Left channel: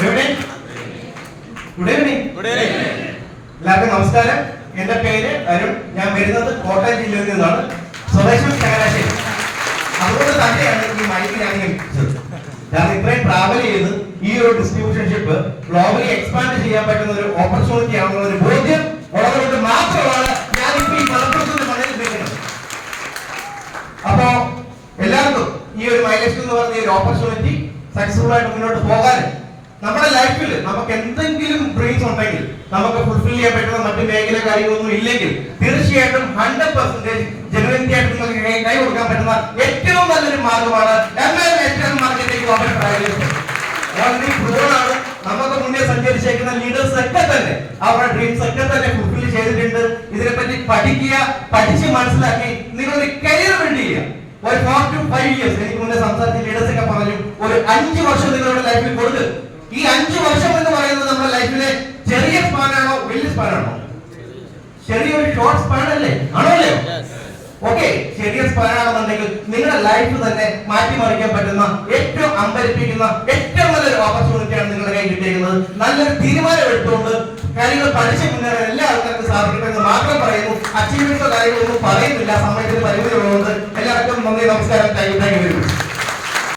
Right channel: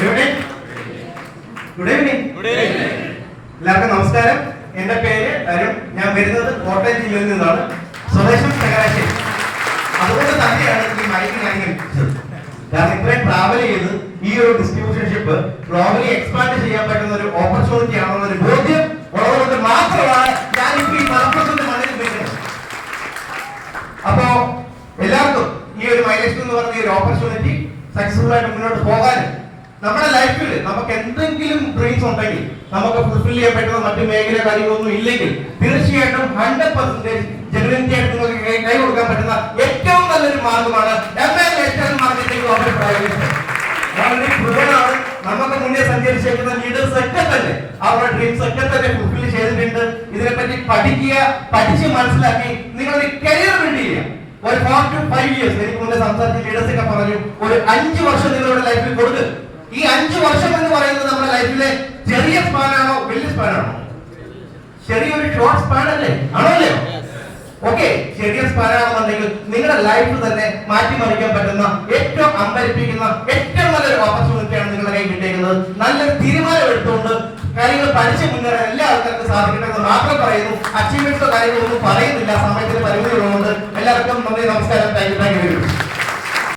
Good evening. എല്ലാവർക്കും നമസ്കാരം. എന്റെ പേര് അരുൺ. ഞാൻ വരുന്നത് കോട്ടയം ജില്ലയിൽ നിന്നാണ്. സ്വദേശം ചങ്ങനാശ്ശേരി. അതുകൊണ്ട് തന്നെയാണ് ഈ മൈക്ക് ഞാൻ ഏൽപ്പിച്ചത്. കാരണം ഇത്രയും ട്രാവൽ ചെയ്ത് ഈ ഒരു ഡിസ്ട്രിബ്യൂഷൻഷിപ്പ് ഗ്ലോബലി എക്സ്പാൻഡ് ചെയ്യാൻ പറ്റുന്ന ഒരു ഓപ്പർച്യൂണിറ്റി ആണെന്ന ഒരു ബോധ്യം ഉള്ളതുകൊണ്ട് മാത്രമാണ് ഞാൻ ഇപ്പോൾ ഈ മലപ്പുറത്തിന്റെ മണ്ണിൽ നിൽക്കുന്നത്. അപ്പോ എല്ലാവർക്കും ഈ ഒരു മൈലേഷൻ എന്ന് പറഞ്ഞ ഒരു ഓപ്പർച്യൂണിറ്റി സക്സസ്ഫുൾ ആയിട്ട് മുന്നോട്ട് പോകാൻ നമ്മുടെ ലൈഫിൽ നമുക്ക് എന്തെങ്കിലും ഡ്രീംസ് ഉണ്ടെങ്കിൽ നമുക്ക് ഫുൾഫിൽ ചെയ്യാൻ പറ്റുന്ന മറ്റു മേഖല കാര്യങ്ങളൊന്നും ഇല്ലെങ്കിൽ തീർച്ചയായിട്ടും 100% ജെനുവിനിറ്റി ആയിട്ട് നിങ്ങൾക്ക് കൈ കൊടുക്കാൻ പറ്റുന്ന ഏറ്റവും നല്ലൊരു മാർഗമാണ് മാർക്കറ്റിംഗ് ഓൾറെഡി പ്രൂവൺ ആണ്. നമുക്ക് മുന്നേ സഞ്ചരിച്ചേക്കുന്ന ലീഡേഴ്സ് ഒക്കെ തന്നെ അവരുടെ ഡ്രീംസ് ഒക്കെ തന്നെ ഫുൾഫിൽ ചെയ്തിട്ടുണ്ട്. ഇതിനെപ്പറ്റി പഠിക്കുക, പഠിച്ച് മനസ്സിലാക്കി നിങ്ങളൊരു കരിയർ ബിൽഡ് ചെയ്യുക. ഒരു 4 to 5 years എനിക്ക് മുന്നേ സംസാരിച്ച ലീഡേഴ്സ് ഒക്കെ പറഞ്ഞു, ഒരു 5 വർഷം നിങ്ങളുടെ ലൈഫിൽ കൊടുത്ത്. ഈ 5 വർഷം എന്ന് പറയുന്നത് നമ്മുടെ ലൈഫിലെ ചെറിയ സ്പാനാണോ വലിയ സ്പാനാണോ? ചെറിയൊരു ഷോർട്ട് സ്പാൻ അല്ലേ? ആണോ അല്ലേ? ഓക്കെ, ചെറിയ സ്പാനാണെന്നുണ്ടെങ്കിൽ നിങ്ങളുടെ ലൈഫ് തന്നെ മാറ്റിമറിക്കാൻ പറ്റുന്ന ഏറ്റവും അമ്പരിപ്പിക്കുന്ന ഏറ്റവും നല്ലൊരു ഓപ്പർച്യൂണിറ്റിയാണ് നിങ്ങളുടെ കയ്യിൽ കിട്ടിയിരിക്കുന്നത്. നല്ലൊരു തീരുമാനം എടുത്തുകൊണ്ട് കാര്യങ്ങൾ പഠിച്ച് മുന്നേറാൻ എല്ലാ ആൾക്കാർക്കും സാധിക്കട്ടെ എന്ന് മാത്രം പറയുന്നു. അച്ചീവ്മെന്റ്സോ കാര്യങ്ങളൊന്നും പറയുന്നില്ല. സമയത്തിന്